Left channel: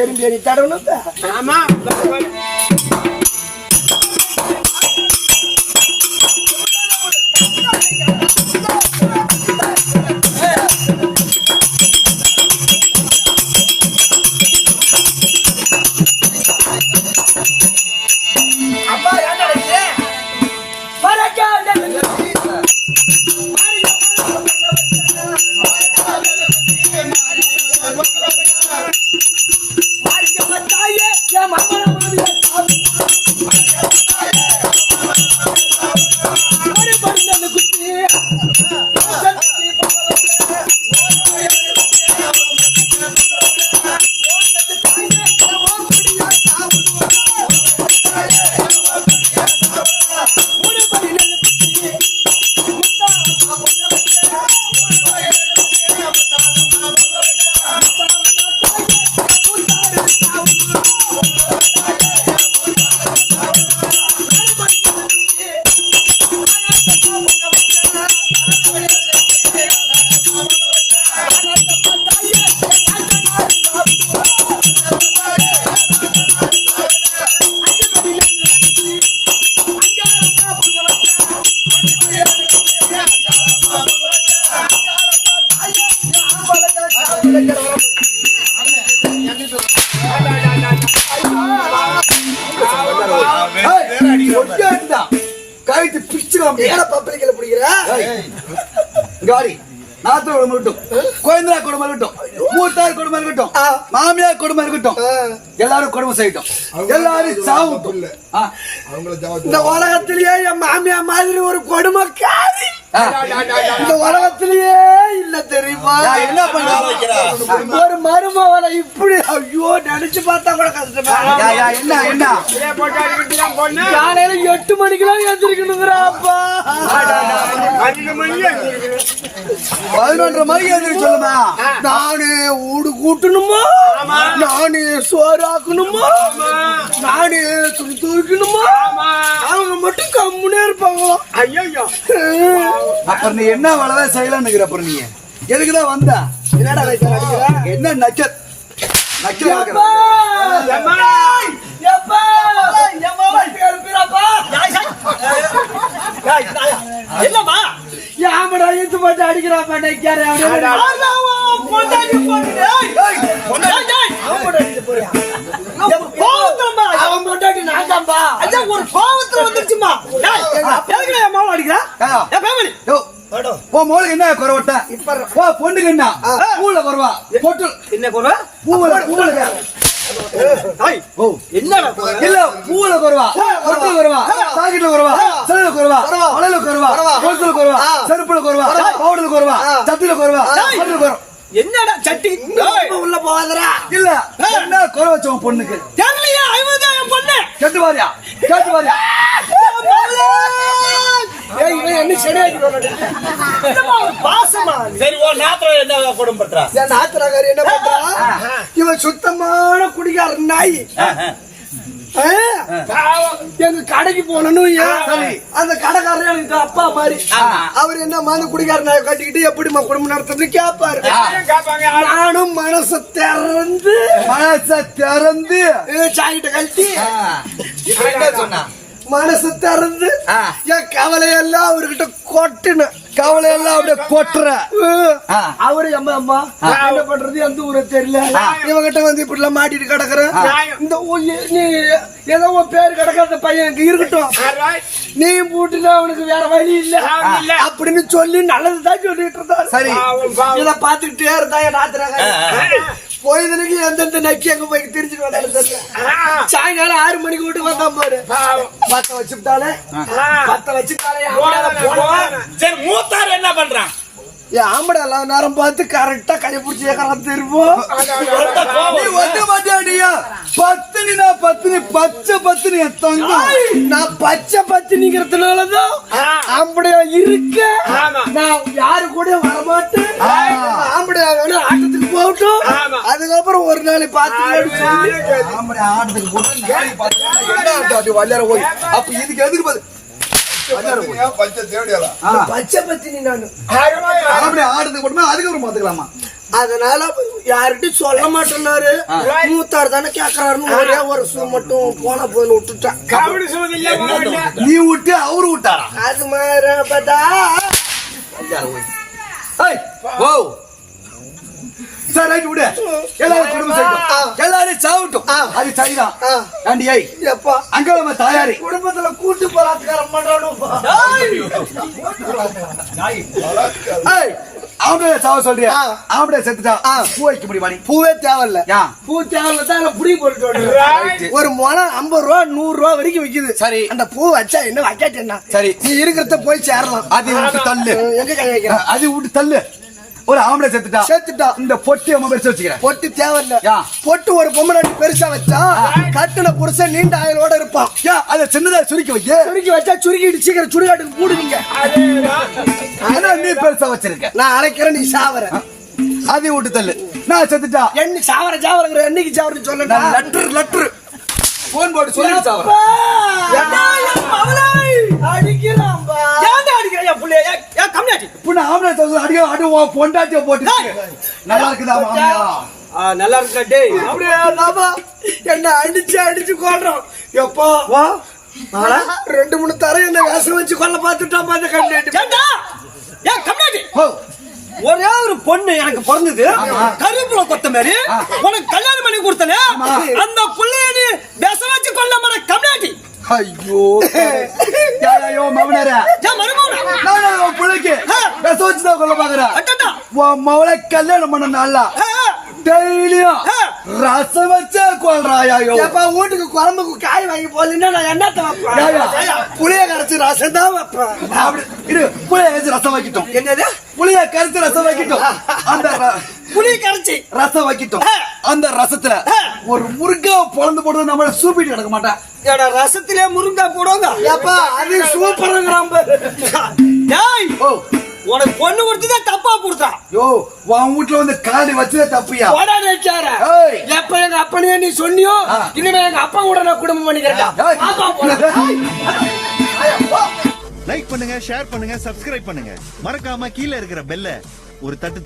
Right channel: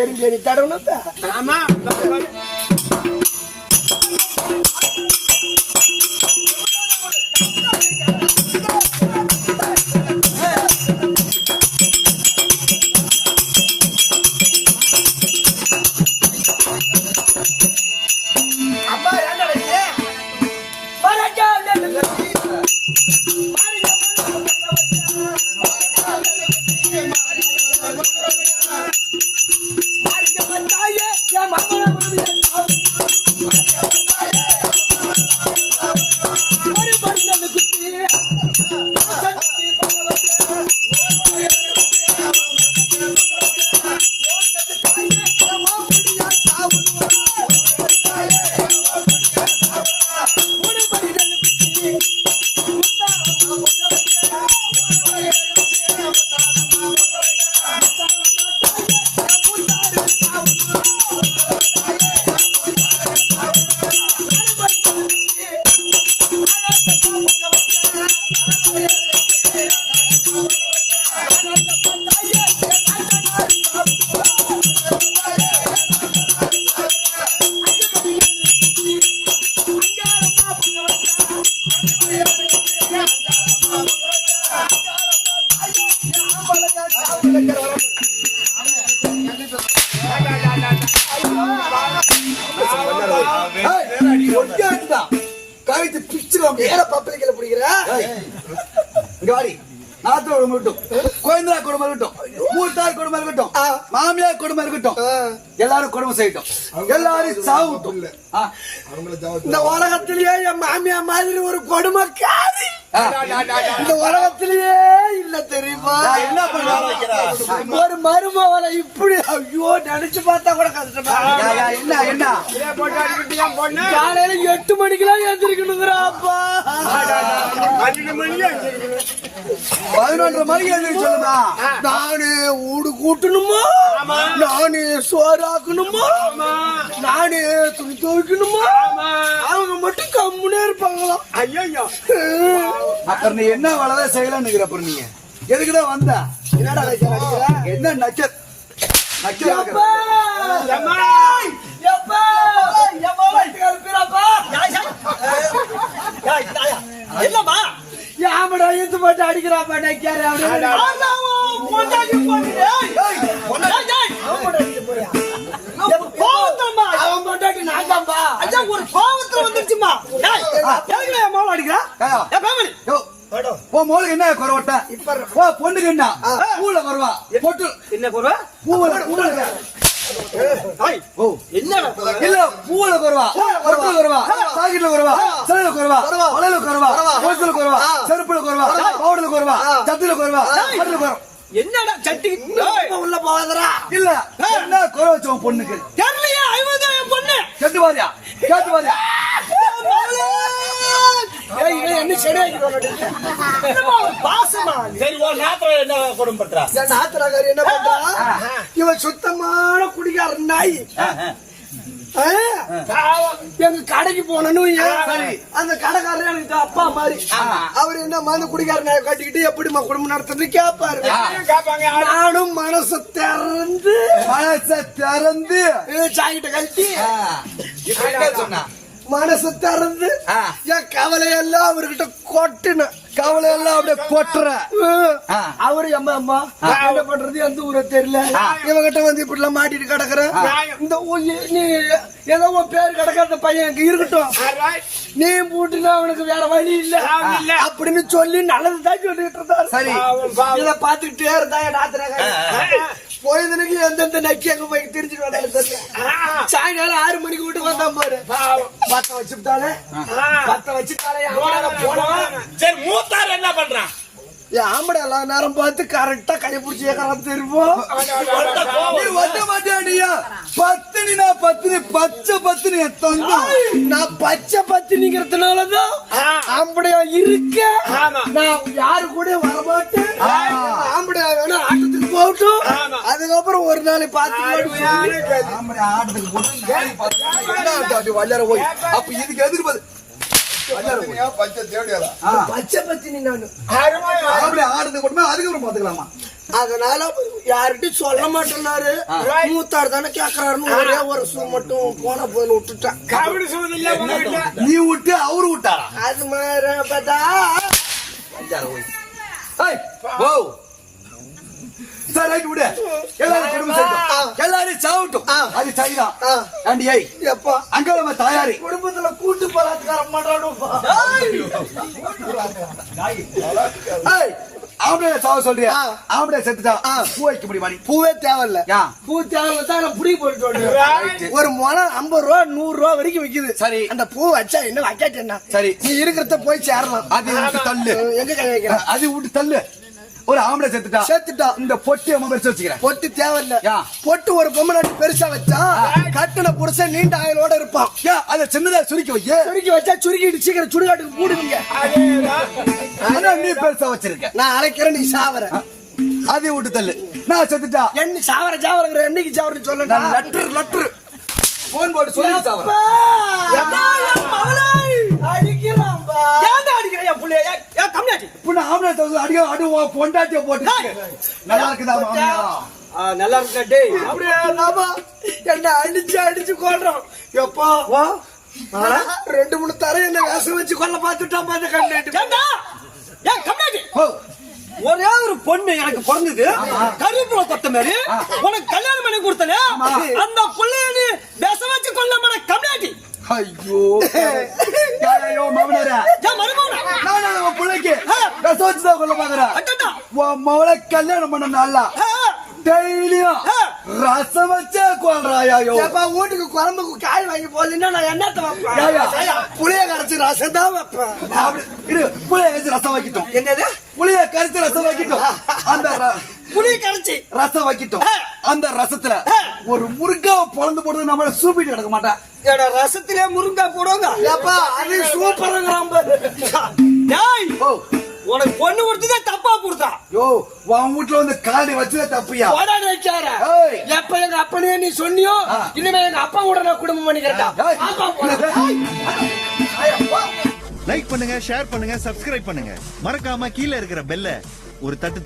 எரிஞ்சு எரி தடவணும் ஆமா கழுத்து பிச்சுக்கலாம் ஏன பப்பரிக்கல பிடிக்கிற? காரி நாத்தோட இருக்கட்டும். குழந்தையா குடும்பம் இருக்கட்டும். மூத்தார் குடும்பம் இருக்கட்டும். மாமியார் குடும்பம் இருக்கட்டும். எல்லாரும் குடும்பம் செய்யட்டும். எல்லாரும் சாவட்டும். இந்த உலகத்திலேயே என் மாமியா மாதிரி ஒரு ஆ. இந்த உலகத்திலேயே இல்ல தெரியுமா? நான் என்ன பண்ண ஒரு மருமவனை இப்படி ஐயோ நினைச்சு பார்த்தா கூட கஷ்டமா என்ன என்ன? காலையில எட்டு மணிக்கெல்லாம் எழுந்திருக்கணுங்கிற அப்பா. பதினொன்றரை மணிக்கு எழுந்திரி சொல்லுமா? நானே ஊடு கூட்டணுமா? நானே சோறு ஆக்கணுமா? நானே துணி துவைக்கணுமா? அவங்க மட்டும் கம்முனே இருப்பாங்களாம் ஐயையோ. அப்புறம் நீ என்ன வேலைதான் செய்யலாம்னு அப்புறம் நீ? எதுக்குதான் வந்த? என்னடா? என்ன நச்சர் நச்சர் அப்பா! ஏம்மா? எப்பா! என் மகன் பேரு பேரப்பா! யாமடா இழுத்து போறியா? அவன் பொண்டாட்டி நான்தான்பா. யோ, போ மோளுக்கு என்ன குறவட்ட போ பொண்ணுக்கு என்ன? பூல குறவா? பொட்டு. என்ன குறை? பூவுல பூவுல ஓ இல்ல பூவுல குறவா பொட்டுல குறவா சாக்கிட்ல குறவா சிலையில குறவா மலையில குறவா பொட்டுல குறவா செருப்புல குறவா பவுடர்ல குறவா சத்துல குறவா மண்ணுல குறவா என்னடா சட்டி? உள்ள போகாதரா இல்ல. என்ன குறை வச்சவன் பொண்ணுக்கு? தெரியலையா? ஐம்பதாயிரம் பொண்ணு. கேட்டு வாரியா கேட்டு வாரியா என்ன சரியாக்கி சரி ஓ என்ன குடும்பம் பண்றா என் என்ன பண்றா இவன் சுத்தமான குடிகார நாய். ஆ? எங்க கடைக்கு போனணும் அந்த கடைக்காரர் எனக்கு அப்பா மாதிரி. அவர் என்ன மாதிரி குடிகார நாய் கட்டிக்கிட்டு எப்படிம்மா குடும்பம் நடத்துறது கேட்பாரு கேட்பாங்க. நானும் மனசை திறந்து மனச திறந்து. சாக்கிட்ட கழட்டி. சொன்னா மனசை திறந்து. என் கவலையெல்லாம் அவர்கிட்ட கொட்டுனேன். கவலை எல்லாம் அப்படியே கொட்டுற. அவரு அம்மா அம்மா என்ன பண்றது? எந்த ஊரை தெரியல. இவங்கிட்ட வந்து இப்படி எல்லாம் மாட்டிட்டு கிடக்குறேன் இந்த ஊ- நீ ஏதோ உன் பேர் கிடக்காத பையன் அங்க இருக்கட்டும். நீ பூட்டுனா அவனுக்கு வேற வழி இல்ல. அப்படின்னு சொல்லி நல்லதுதான் சொல்லிட்டு இருந்தாரு. சரி. இத பாத்துக்கிட்டே இருந்தா என் போயதுக்கு எந்தெந்த நக்கி அங்க போய் தெரிஞ்சுட்டு ஆ, சாயங்காலம் ஆறு மணிக்கு விட்டு வந்தான் பாரு. பத்த வச்சுட்டாலே. பத்த வச்சுட்டாலே. சரி மூத்தார் என்ன பண்றான் ஆம்படை எல்லா நேரம் பார்த்து கரெக்டா கை பிடிச்சி திரும்பும் நீ ஒட்ட மாட்டியா பத்தினி தான் பத்தினி பச்சை பத்தினி என் தங்கம். நான் பச்சை பத்தினிங்கிறதுனாலதான். ஆம்படையா இருக்க. நான் ஒரு நாள் பார்த்து ஆட்டத்துக்கு போட்டு வள்ளியார போய்? அப்ப இதுக்கு எதுக்கு பாரு அதனால யார்கிட்டயும் சொல்ல மாட்டேன்னாரு. மூத்தார் தானே கேக்குறாருன்னு ஒரே ஒரு சூ மட்டும் போன போதுன்னு விட்டுட்டான். நீ விட்டு அவரு விட்டாரா? அது மாதிரி பார்த்தா சரி ரைட் விடு. எல்லாரும் குடும்பம் எல்லாரும் சாவட்டும். அது சரிதான். ஆண்டி ஏய் எப்பா. அங்க நம்ம தாயாரி. குடும்பத்துல கூட்டு பலாத்காரம் பண்றானுப்பா ஏய் அவனே சாவ சொல்றியா. ஆ. அவனே செத்துட்டான். பூ வைக்க முடியுமா நீ? பூவே தேவையில்ல. பூ தேவையில்ல தான் புடி போட்டு. ஒரு முளம் ஐம்பது ரூபா நூறு ரூபா வரைக்கும் விக்குது. சரி. அந்த பூ வச்சா என்ன வைக்காட்டு என்ன சரி. நீ இருக்கிறத போய் சேரலாம். அது விட்டு தள்ளு. அது விட்டு தள்ளு. ஒரு ஆம்பளை செத்துட்டா செத்துட்டா. இந்த பொட்டி அம்மா பெருசு வச்சுக்கிறேன். பொட்டு தேவையில்ல. யா. பொட்டு ஒரு பொம்மநாட்டி பெருசா வச்சா கட்டுன புருஷன் நீண்ட ஆயுளோட இருப்பான். அதை சின்னதா சுருக்கி வைக்க சுருக்கி வச்சா சுருக்கிட்டு சீக்கிரம் சுடுகாட்டுக்கு மூடுவீங்க. ஆனா நீ பெருசா வச்சிருக்க. நான் அழைக்கிறேன் நீ சாவர. அதை விட்டு தள்ளு. நான் செத்துட்டா? என்ன சாவர சாவரங்கிற என்னைக்கு சாவரன்னு சொல்லுங்க. Letter letter. போன் போட்டு சொல்லி சாவறேன் ஆம்பளை சொல்ல அடிக்க அடிவோம் பொண்டாட்டிய போட்டு நல்லா இருக்குதா மாமியா? நல்லா இருக்கா டேய்? அப்படியே என்ன அடிச்சு அடிச்சு கொள்றோம் எப்பா? வா. ரெண்டு மூணு தரம் என்ன வேஷம் வச்சு கொல்ல பார்த்துட்டான் பார்த்து கண்டாட்டி ஒரே ஒரு பொண்ணு எனக்கு பிறந்தது. ஆமா. கருப்புல கொத்த மாதிரி. உனக்கு கல்யாணம் பண்ணி கொடுத்தனே. ஆமா. அந்த புள்ளைய நீ விஷ வச்சு கொல்ல மாட்ட கம்மியாட்டி ஐயோ ஐயோ மவனரா நான் உன் பிள்ளைக்கு பேச வச்சுதான் கொள்ள பாக்குறேன் அட்டா உன் மவளை கல்யாணம் பண்ண நாளா டெய்லியும். ரசம் வச்சே கொள்றாயோ எப்பா வீட்டுக்கு குழம்புக்கு காய் வாங்கி போலீங்கன்னா நான் என்னத்த? வைப்பேன் புளிய கரைச்சி ரசம் தான் வைப்பேன் அப்படி இரு புளிய கரைச்சு ரசம் வைக்கட்டும் என்னது புளிய கரைச்சு ரசம் வைக்கட்டும் அந்த ர- புளி கரைச்சி ரசம் வைக்கட்டும் அந்த ரசத்துல ஒரு முருங்காவை பொழந்து போட்டு நம்மள சூப்பிட்டு கிடக்க மாட்டேன் ஏடா ரசத்திலே முருங்கா போடுவாங்க எப்பா அது சூப்பருங்கிறான் ஓ. உனக்கு பொண்ணு கொடுத்துதான் தப்பா கொடுத்தா. யோ உன் வீட்டுல வந்து காடி வச்சதே தப்பியா? நினைச்சார. ஏய். எப்ப எங்க அப்பனையே நீ சொன்னியோ. இனிமே எங்க அப்பா கூட நான் குடும்பம் பண்ணிக்கிறேன் ஏய். லைக் பண்ணுங்க ஷேர் பண்ணுங்க சப்ஸ்கிரைப் பண்ணுங்க. மறக்காம கீழே இருக்கிற பெல்ல ஒரு தட்டு